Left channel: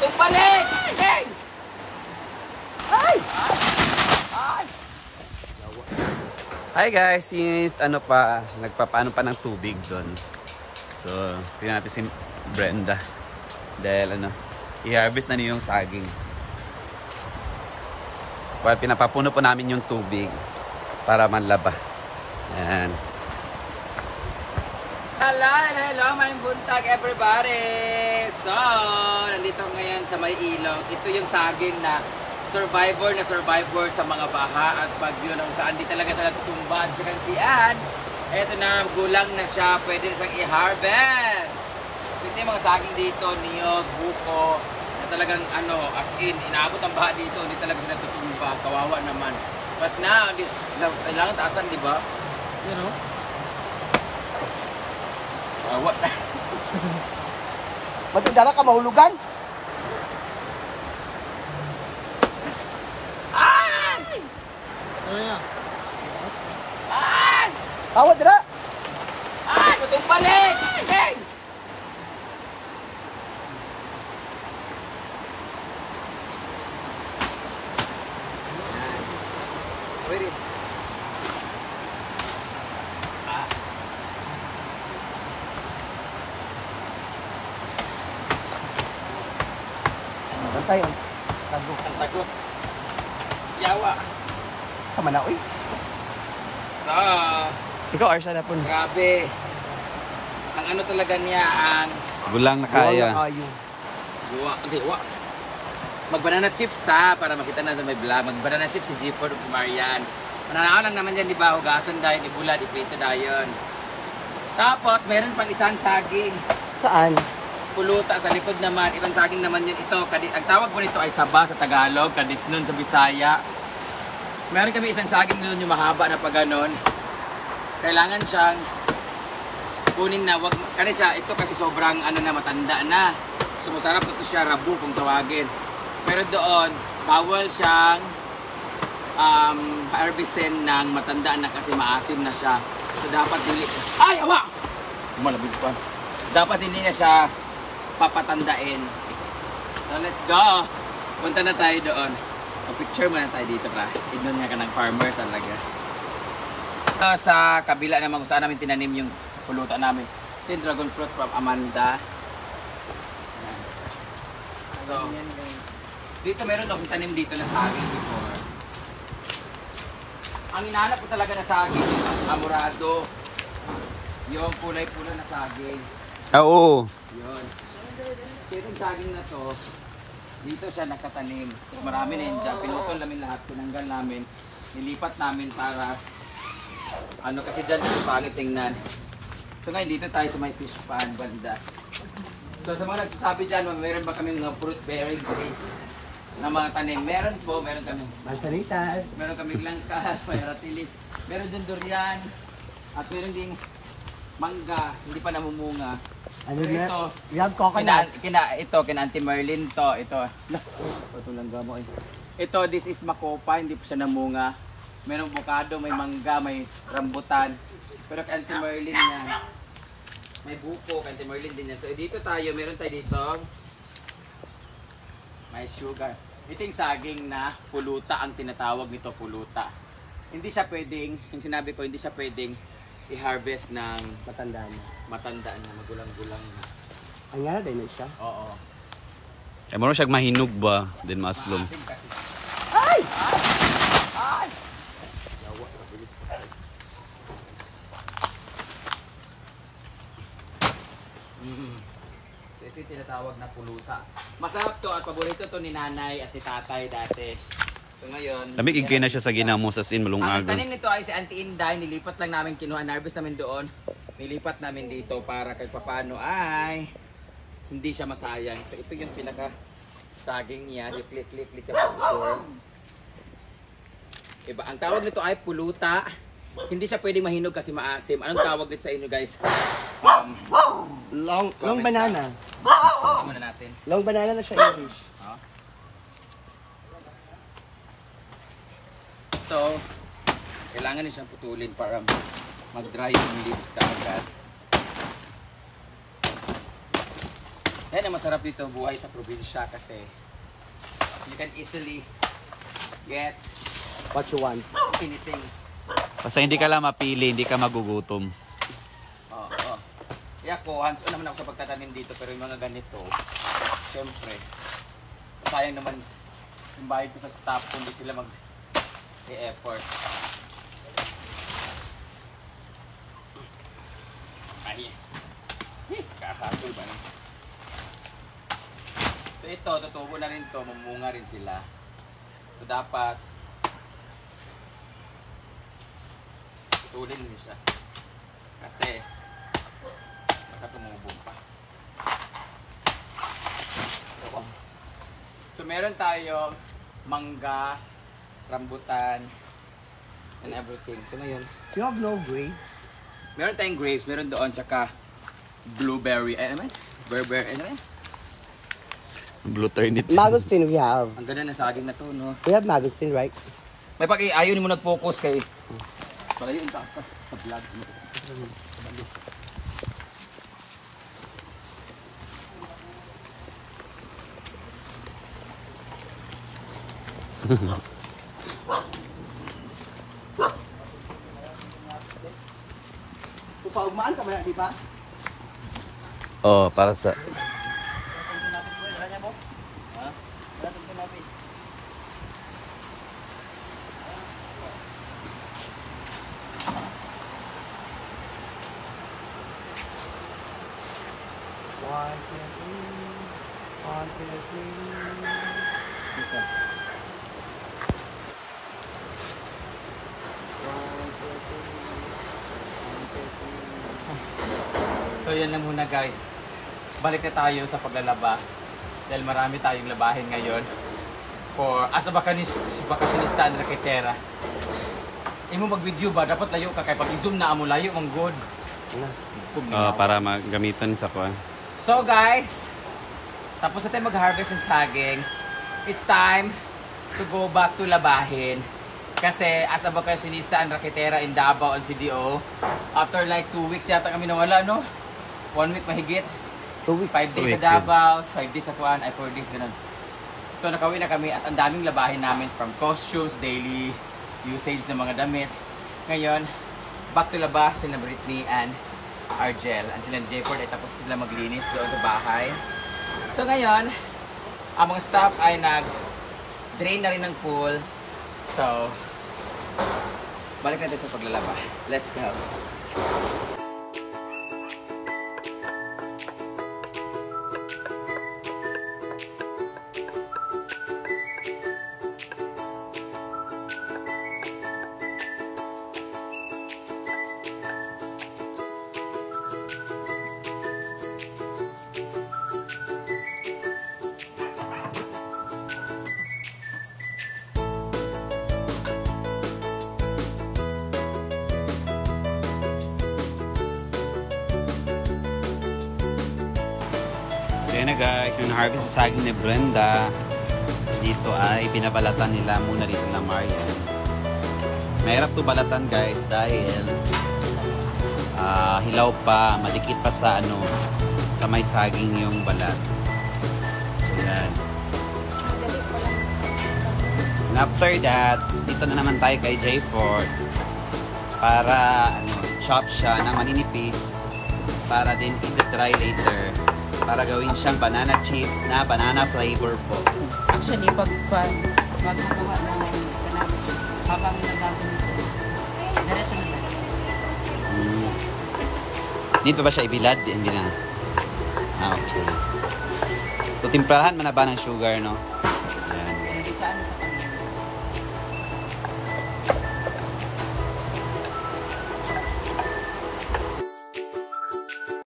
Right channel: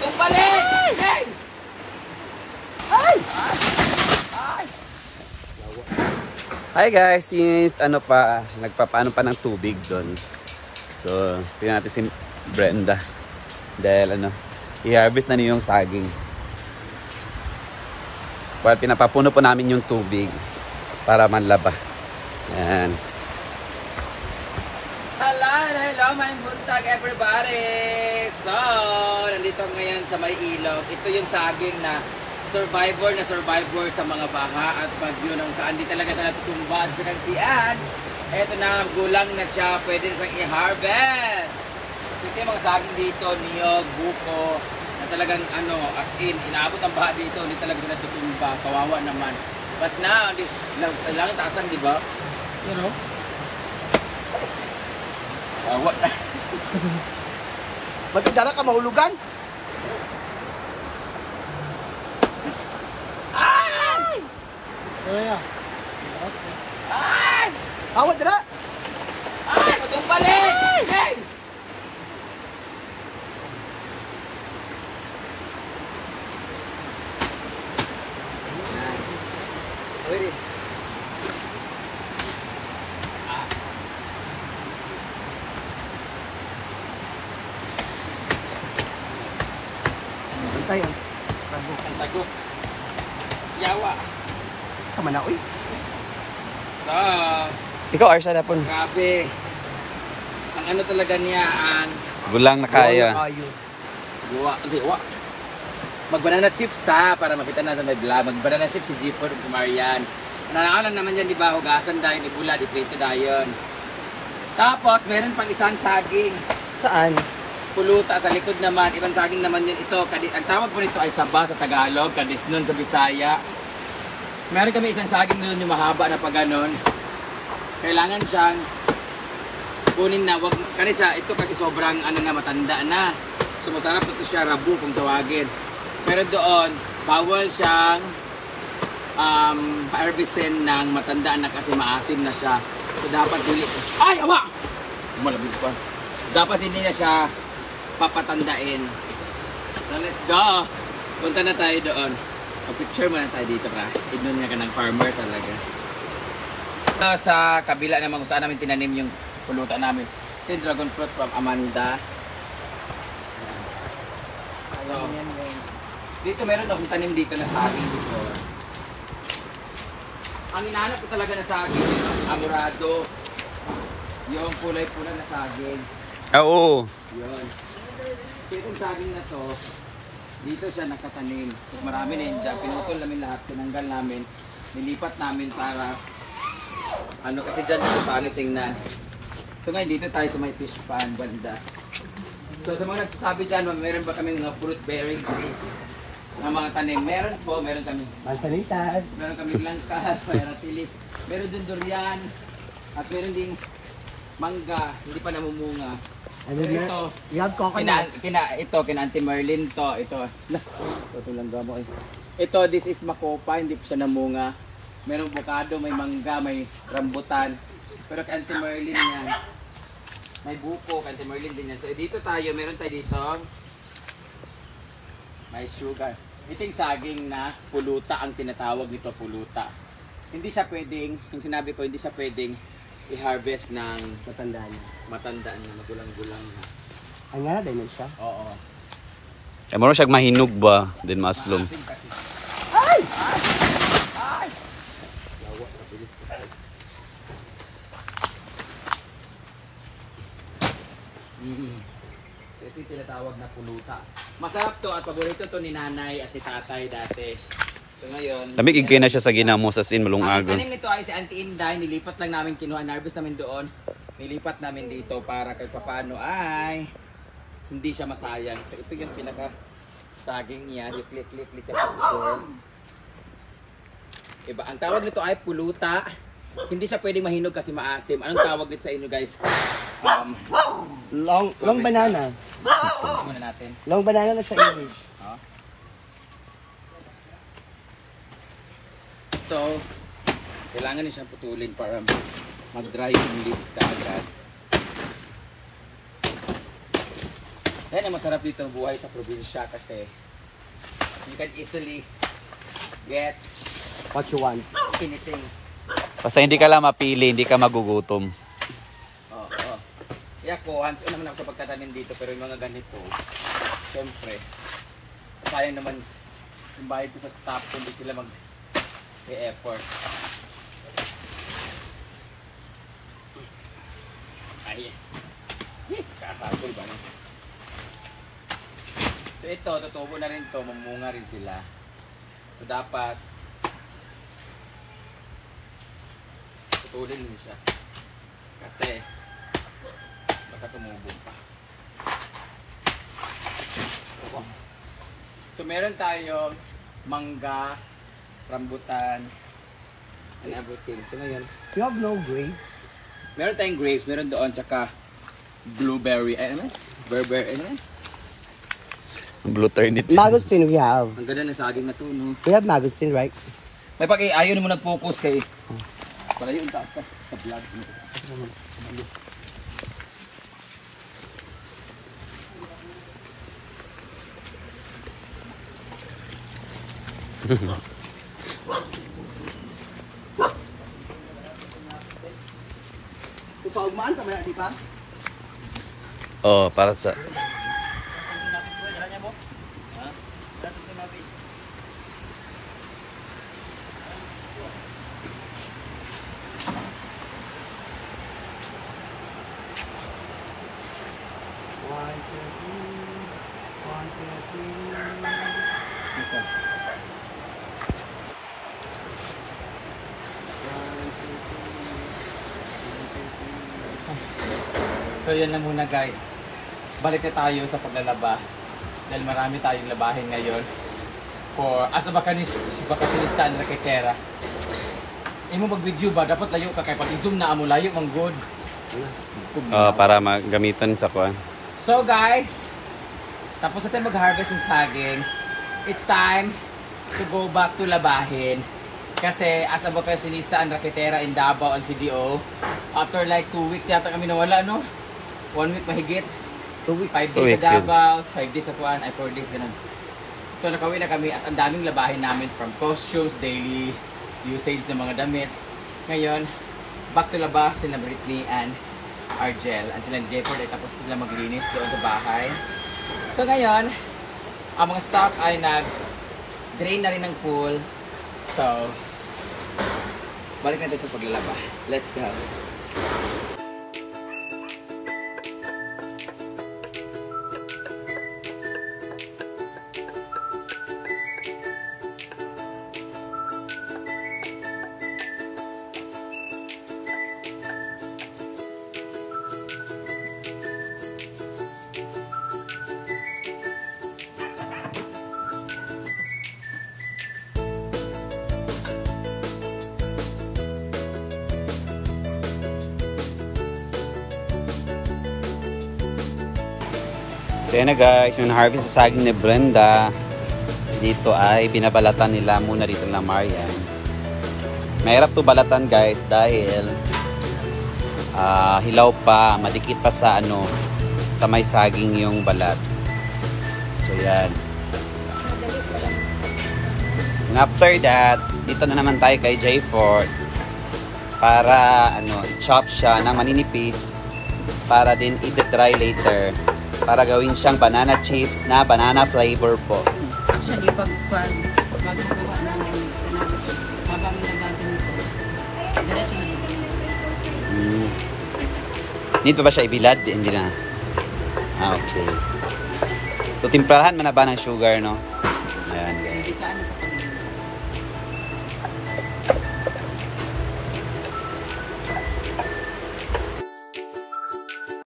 Batong balik! Hey! Ay! Ay! Hi guys, since nagpapaano pa ng tubig doon. So, tingnan natin si Brenda. Dahil i-harvest na niyo yung saging. Well, pinapapuno po namin yung tubig para manlaba. Yan. Hello, may buntag everybody! So, nandito ngayon sa may ilog. Ito yung saging na survivor sa mga baha at bagyo nang saan di talaga siya natutumba at siya kansian. Eto na, gulang na siya, pwede na siyang i-harvest. So ito yung mga saging dito, niyog, buko, na talagang as in, inaabot ang baha dito, hindi talaga siya natutumba, kawawa naman. But now, kailangan taasan, di ba? Kawawa na. Ba't dala ka mahulugan? Ay! Tawad dira! Ay! Batong balik! Hey! Pwede. Ay, Ang tago. Yawa. sa Manaoy. So, Ikaw, Arsha na po. grabe. Ang talaga niya, ang Gulang na kaya. wa. Mag-banana chips ta, para makita natin may vlog. Mag-banana chips si Zipper si Marian. Nanakalan naman dyan, di ba? Hugasan dahil, ibula, iprito dahil. Tapos, meron pang isang saging. Saan? Puluta sa likod naman. Ibang saging naman yun ito. Ang tawag po nito ay saba sa Tagalog, kadisnon sa Bisaya. Meron kami isang saging doon yung mahaba na pa ganon. Kailangan siyang kunin na, wag kanisa ito kasi sobrang matanda na. So masarap na ito siya, rabu kung tawagin. Pero doon, bawal siyang harvestin ng matanda na kasi maasim na siya. So dapat dili. Ay, awa! Malabig pa. Dapat hindi niya siya papatandain. So let's go. Punta na tayo doon. Picture muna tayo dito ka. Tignan niya ka ng farmer talaga. Sa kabila naman kung saan namin tinanim yung pulutan namin. Ito yung dragon fruit from Amanda. So, dito meron akong tanim dito na saging before. Ang hinahanap ko talaga na saging yung amurado. Yung kulay-pula na saging. Oo. Yun. So, itong saging na to, dito siya nakatanim. Marami na yun dyan. Pinutol namin lahat. Tinanggal namin. Nilipat namin para kasi dyan ito paano tingnan. So ngayon dito tayo sa may fish pan banda. So sa mga nagsasabi dyan, meron ba kami mga fruit bearing trees na mga tanim? Meron po, meron kami. Mansanitas. Meron kami langka, pairatilis. Meron din durian. At meron ding mangga, hindi pa namumunga. Ano pero yan? ito, Yan, coconut. kina Auntie Merlin to. Ito tulang gamo eh. Ito, this is makopa, hindi pa siya namunga. Merong bukado, may mangga, may rambutan. Pero kay Auntie Merlin yan. May buko, kay Auntie Merlin din yan. So dito tayo, meron tayo dito. May sugar. Ito yung saging na puluta ang tinatawag nito, puluta. Hindi siya pwedeng, yung sinabi ko, hindi siya pwedeng i-harvest ng matanda na, magulang-gulang na. Ang nga din siya. Oo. Eh, marunong siya mahinog ba? Din maslom. Maasim kasi. Ay! Ay! Yawa, nabilis pa tayo. So ito yung tinatawag na puluta. Masarap to at paborito to ni nanay at ni tatay dati. So ngayon, Lamig igay na siya sa ginamos as in malung ang aga. tanim nito ay si Auntie Inday, nilipat lang namin, kinuha, harvest namin doon. Nilipat namin dito para kahit papano ay hindi siya masayang. So ito yung pinaka saging niya, yung click yung picture. Iba, ang tawag nito ay puluta. Hindi siya pwedeng mahinog kasi maasim. Anong tawag dito sa inyo guys? Long banana. Tingnan muna natin. Long banana na siya English. So, kailangan din siyang putulin para mag-dry yung leaves ka agad. Yan ang masarap dito buhay sa probinsya kasi you can easily get What you want? anything. Basta hindi ka lang mapili, hindi ka magugutom. Oo. Kaya ako, hands-on naman ako sa pagtatanim dito pero yung mga ganito, syempre, sayang naman yung bayad ko sa staff kung di sila mag-e-effort. Ay, kahasol ba? So ito, tutubo na rin to, mamunga rin sila. So dapat tutulin din siya. Kasi baka tumubo pa. So meron tayong mangga, rambutan, and everything. So ngayon, You have no grapes? meron tayong grapes, meron doon, tsaka blueberry, ano man? Berber, ano man? Blue turnip. Mangosteen we have. Ang ganda na saging na to, no? We have mangosteen, right? May ayaw mo nag-focus kay... Para yung sa vlog mo. So, paugmaan ka ba, di ba? Oh, para sa... So yan lang muna guys. Balik na tayo sa paglalaba. Dahil marami tayong labahin ngayon. For as a bakasyonista na nakikera. Imo mag-video ba? Dapat layo ka kay pag i-zoom na amo layo mang good. Oh, para magamitan sa kuan. So guys, tapos natin mag-harvest ng saging. It's time to go back to labahin. Kasi as a bakasyonista ang raketera in Davao and CDO, after like 2 weeks yata kami nawala, no? 1 week mahigit. 2 weeks. 5 days sa Davao, 5 days sa Tuan, ay 4 days ganun. So nakauwi na kami at ang daming labahin namin from costumes, daily usage ng mga damit. Ngayon, back to labas sila Britney and Argel. And sila Jefford ay tapos sila maglinis doon sa bahay. So ngayon, ang mga staff ay nag-drain na rin ng pool. So, balik natin sa paglalaba. Let's go! Kaya na guys, yung harvest sa saging ni Brenda, dito ay binabalatan nila muna dito na Marian. Mahirap to balatan guys dahil hilaw pa, madikit pa sa sa may saging yung balat. So yan. And after that, dito na naman tayo kay Jayford para chop siya ng maninipis para din i-dry later. Para gawin siyang banana chips na banana flavor po. Actually, pag magkukuha ng banana chips, habang nagagawin ito, diretso na yun. Dito ba siya ibilad? Hindi na. Okay. So, timplahan mo na ba ng sugar, no?